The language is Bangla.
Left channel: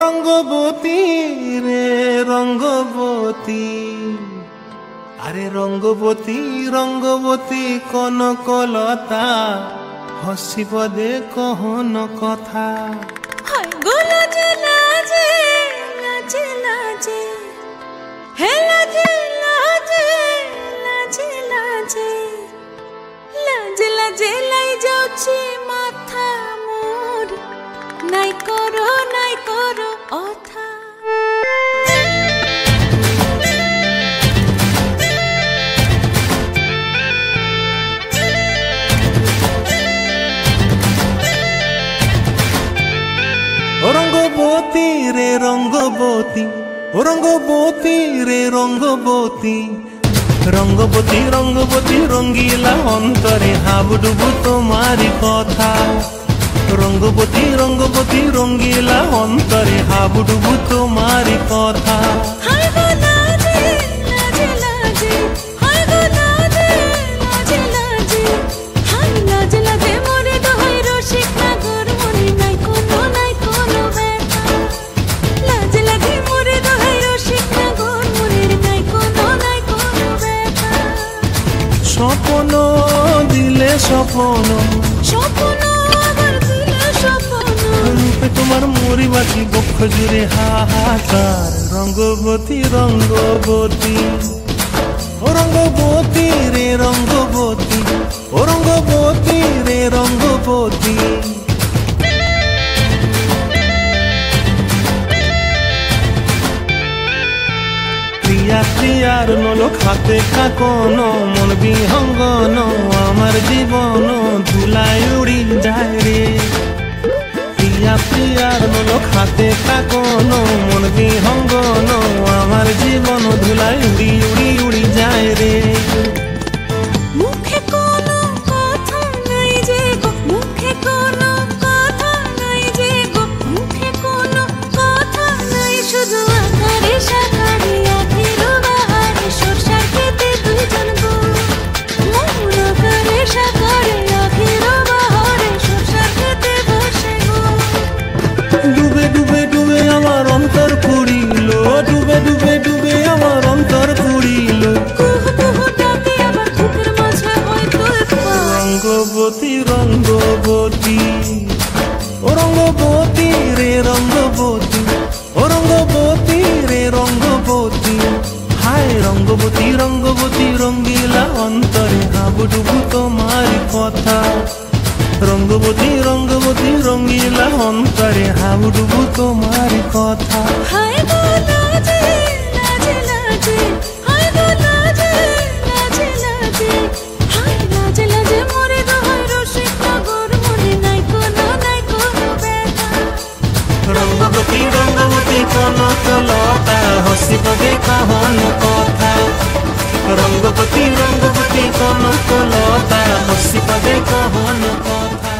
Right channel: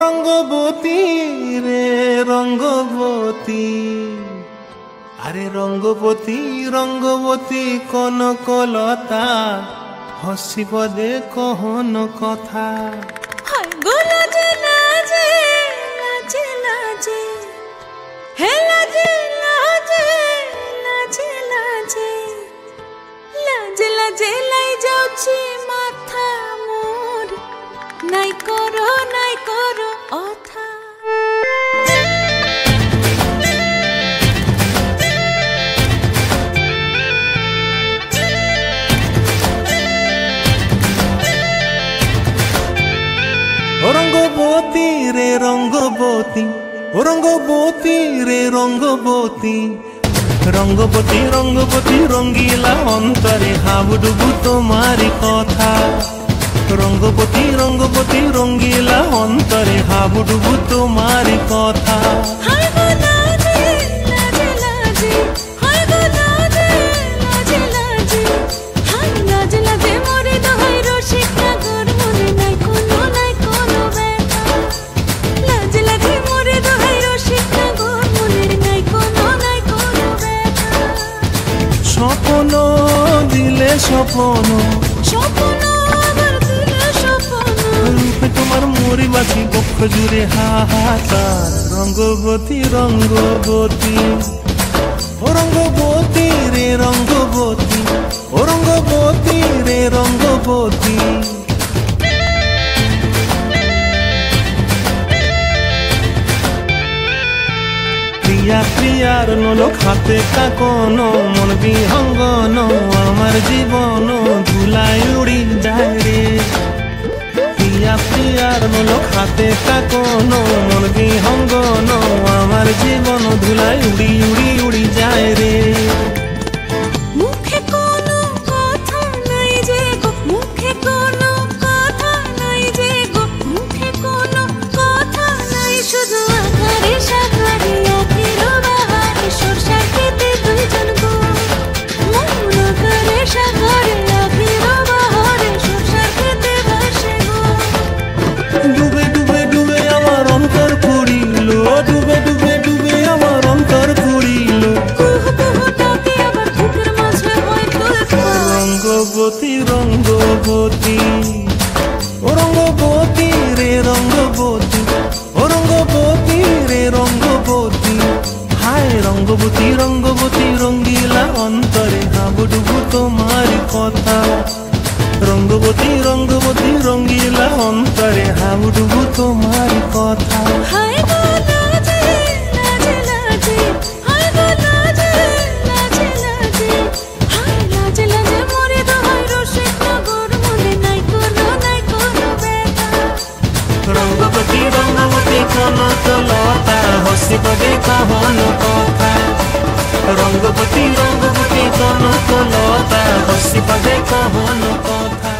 রঙ্গবতী রে রঙ্গবতী, আরে রঙ্গবতী রঙ্গবতী কনকলতা, হসিব দে কহন কথা। লাজে লাজে লাজে লাজে হে লাজে লাজে লাজে লাজে লাজে লাজে লাই যাଉଛି মাথা মোর, নাই করো অথা। রঙ্গবতী রে রঙ্গবতী, রঙ্গবতী রে রঙ্গবতী, রঙ্গবতী রঙ্গবতী রঙ্গিলা অন্তরে হাবুডুবু তোমারি কথা। রঙ্গবতী রঙ্গবতী রঙ্গিলা অন্তরে হাবুডুবু তোমারি কথা। লাজে মোরে দোহাই রসিক নাগর, মনে নাই কোনো ব্যথা। লাজে লাজে মোরে দোহাই রসিক নাগর, মনে নাই কোনো ব্যথা। স্বপ্ন দিলে স্বপ্ন, স্বপ্ন আবার দিলে স্বপ্ন, রূপে তোমার মরি বাছি বক্ষ জুড়ে হাহাকার। রঙ্গবতী রঙ্গবতী, ও রঙ্গবতী রে রঙ্গবতী, ও রঙ্গবতী রে রঙ্গবতী। ক্রিয়া ক্রিয়ার নলোক হাতে কাকন, মন বিহঙ্গন আমার জীবন ধুলায় উড়ি যায় রে। প্রিয়া প্রিয়ার নলোক হাতে কাকন, মন বিহঙ্গন আমার জীবন ধুলায় উড়ি উড়ি উড়ি যায় রে। মুখে কোনো কথা নাই যে গো, মুখে কোনো কথা নাই যে গো, মুখে কোনো কথা নাই, শুধু আকারে সাকারে আখির বাহারে সরষার খেতে দুইজন গো। মন আকারে সাকারে আখির বাহারে সরষার খেতে ভাসে গো। ডুবে ডুবে ডুবে আমার অন্তর পুড়িল, ডুবে ডুবে ডুবে আমার অন্তর পুড়িল। কুহু কুহু ডাকে আবার বুকের মাঝে হয় তোলপাড়। রঙ্গবতী রঙ্গবতী, ও রঙ্গবতী রে রঙ্গবতী, ও রঙ্গবতী রে রঙ্গবতী। হায় রঙ্গবতী রঙ্গবতী রঙ্গিলা অন্তরে হাবুডুবু তোমার কথা। রঙ্গবতী রঙ্গবতী রঙ্গিলা অন্তরে হাবুডুবু তোমার কথা। হায় গো লাজে লাজে লাজে, হায় গো লাজে লাজে লাজে, হায় লাজে লাজে মোরে দোহাই রসিক নাগর, মনে নাই কোনো ব্যথা। রঙ্গবতী রঙ্গবতী কনকলতা, হসিব দে কহন কথা। রঙ্গবতী রঙ্গবতী কনকলতা, হসিব দে কহন কথা।